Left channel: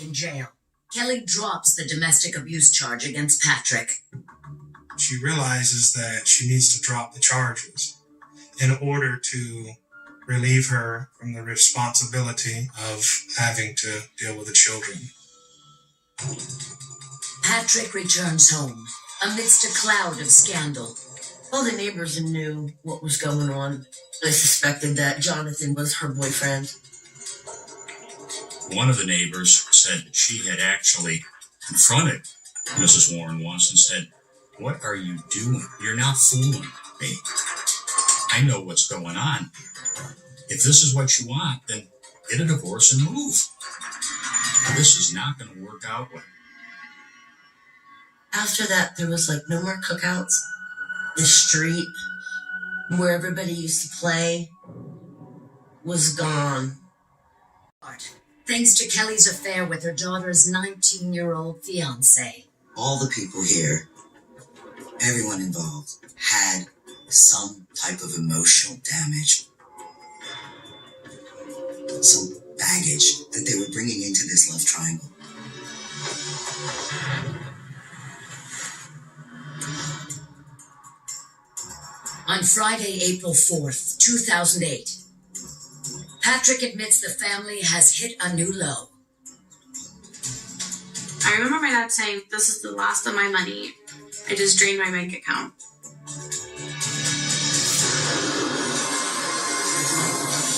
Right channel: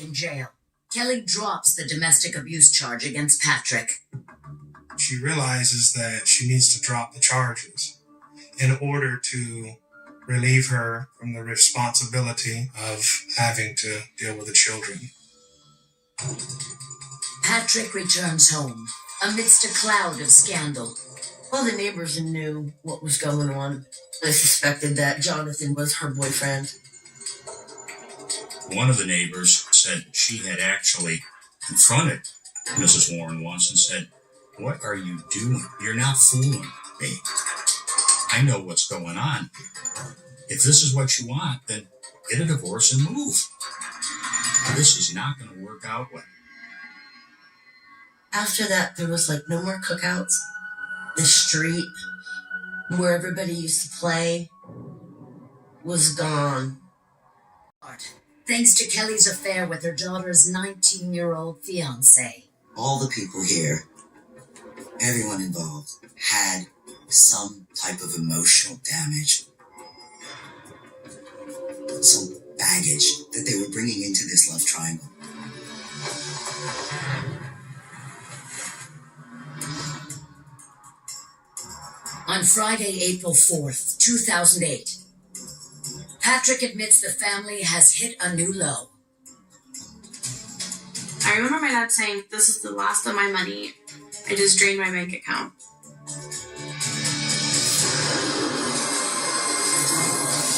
in jail. Kelly drops the domestic abuse charge against Patrick. She realizes that she needs to drop the charges in order to relieve her from the responsibility of having to deal with the children. Patrick returns home amidst a cloud of scandal. All the neighbors knew what was going on. They suspected that Jonathan was her boyfriend. One of the neighbors said that she had actually confronted Mrs. Warren once and said, "What are you doing? You're not fooling me. I know what's going on. If this is what you want, then get a divorce and move. This is not going to work out well." After that, there was no more cookouts. The street where everybody used to play was gone. Thanks to Kelly's affair with her daughter's 19-year-old fiancé. All the people here, everyone involved, had some type of emotional damage, some baggage that they were bringing into this love triangle. On Friday, April 4th, 2008, Patrick admits the family has hit a new low. I remember my dad saying, "This is the last of my money. I just drained my bank account."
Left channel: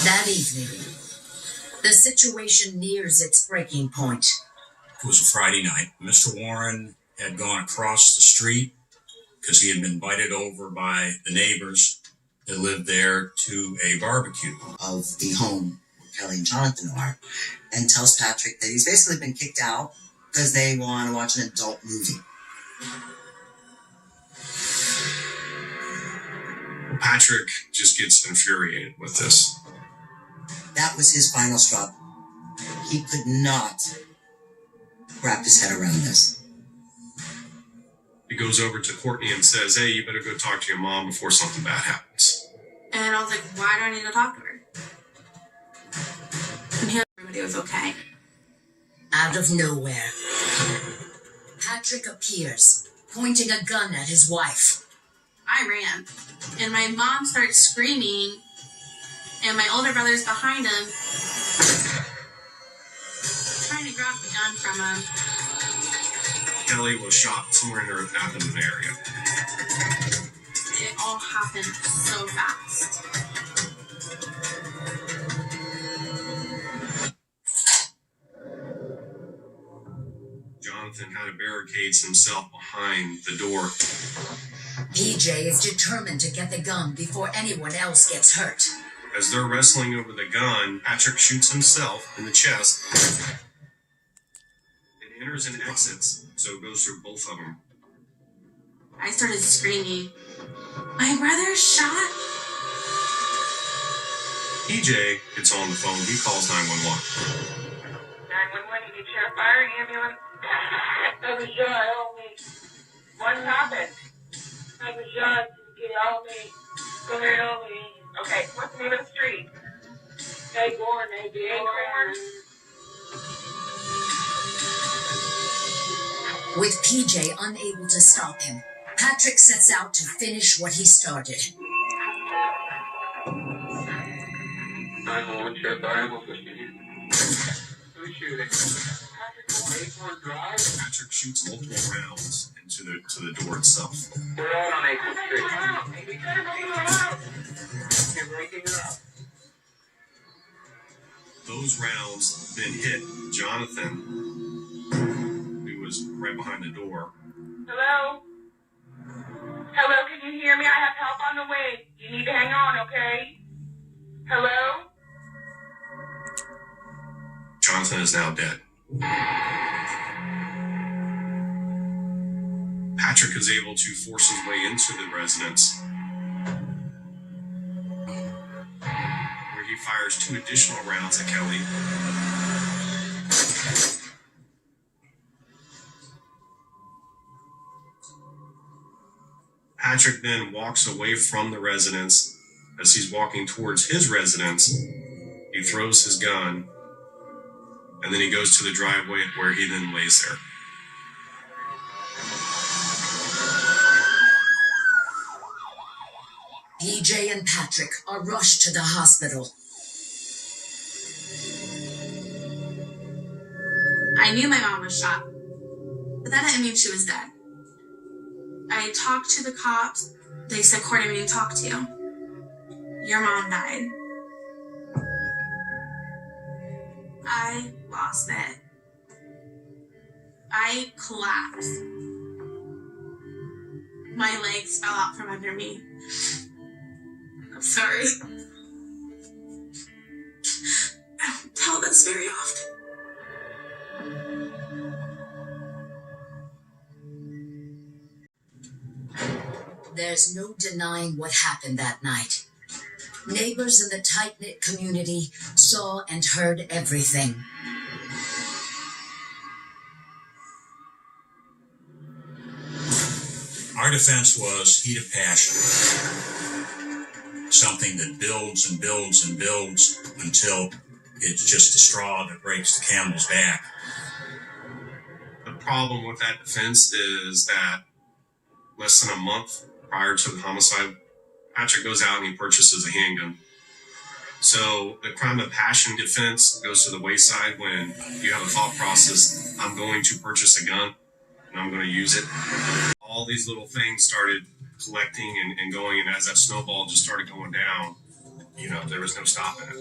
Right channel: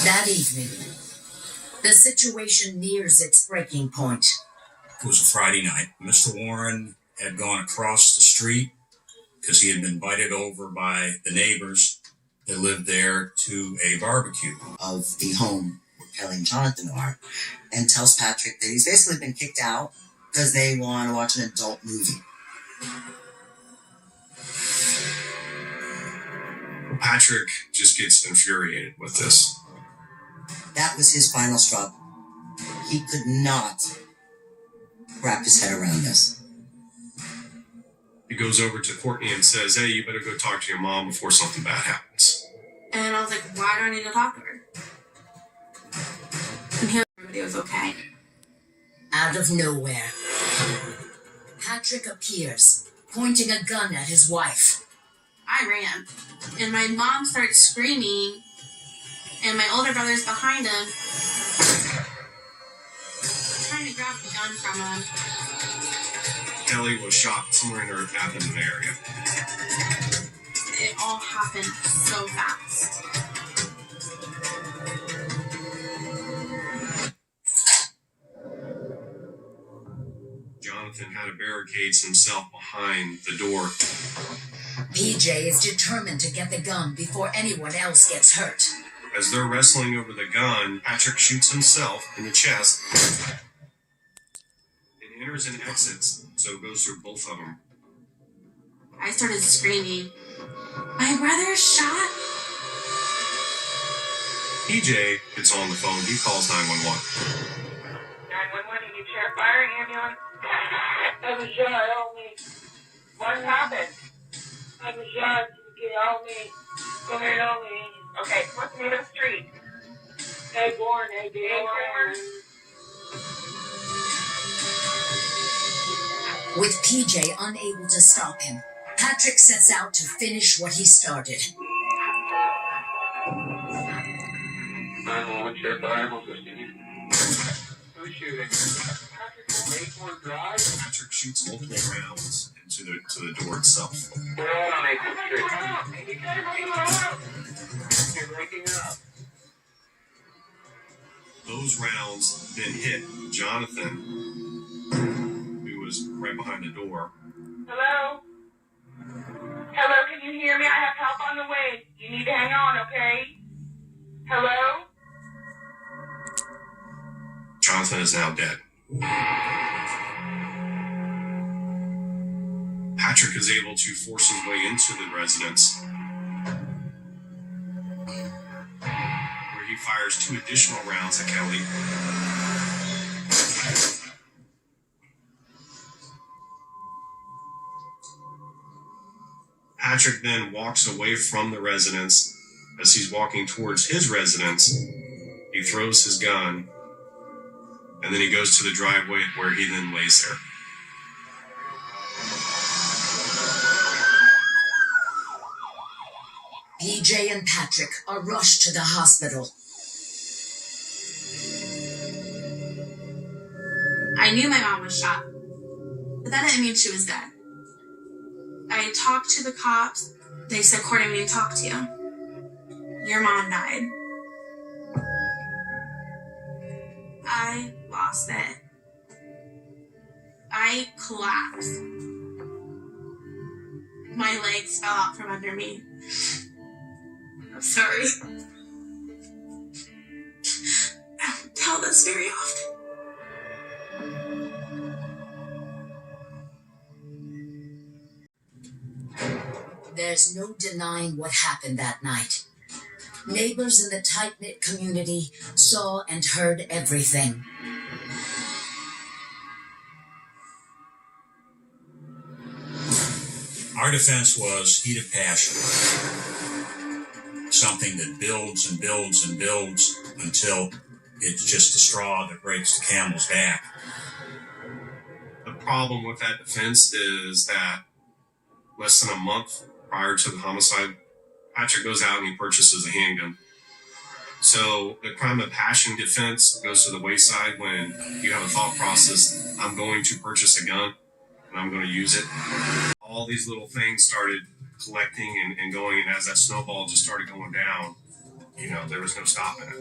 That evening, the situation nears its breaking point. It was a Friday night. Mr. Warren had gone across the street because he had been invited over by the neighbors that lived there to a barbecue. Of the home where Kelly and Jonathan are, and tells Patrick that he's basically been kicked out because they want to watch an adult movie. Patrick just gets infuriated with this. That was his final straw. He could not wrap his head around this. He goes over to Courtney and says, "Hey, you better go talk to your mom before something bad happens." And I was like, why do I need to talk to her? And here everybody was okay. Out of nowhere, Patrick appears, pointing a gun at his wife. I ran. And my mom starts screaming. And my older brother's behind him, trying to grab the gun from him. Kelly was shot somewhere in her abdomen area. It all happened so fast. Jonathan had to barricade himself behind the door. PJ is determined to get the gun before anyone else gets hurt. As they're wrestling over the gun, Patrick shoots himself in the chest. It enters and exits, so it goes through both of them. I started screaming, "My brother's shot!" PJ gets on the phone. He calls 911. 911, you need sheriff, fire, ambulance. I was shot, help me. What happened? I was shot, get help me. Go ahead, help me. Okay, what's the name of the street? Acorn. With PJ unable to stop him, Patrick sets out to finish what he started. 911, sheriff, fire, who's shooting? Patrick, Acorn Drive? Patrick shoots multiple rounds into the door itself. We're all on Acorn Street. You're breaking it up. Those rounds then hit Jonathan, who was right behind the door. Hello? Hello, can you hear me? I have help on the way. You need to hang on, okay? Hello? Jonathan is now dead. Patrick is able to force his way into the residence, where he fires 2 additional rounds at Kelly. Patrick then walks away from the residence. As he's walking towards his residence, he throws his gun and then he goes to the driveway where he then lays there. PJ and Patrick are rushed to the hospital. I knew my mom was shot, but that didn't mean she was dead. I talked to the cops. They said, Courtney, we need to talk to you. Your mom died. I lost it. I collapsed. My legs fell out from under me. I'm sorry. I don't tell this very often. There's no denying what happened that night. Neighbors in the tight-knit community saw and heard everything. Our defense was heat of passion. Something that builds and builds and builds until it's just a straw that breaks the camel's back. The problem with that defense is that less than a month prior to the homicide, Patrick goes out and he purchases a handgun. So the crime of passion defense goes to the wayside when you have a thought process, I'm going to purchase a gun and I'm going to use it. All these little things started collecting and going, and as that snowball just started going down, there was no stopping it.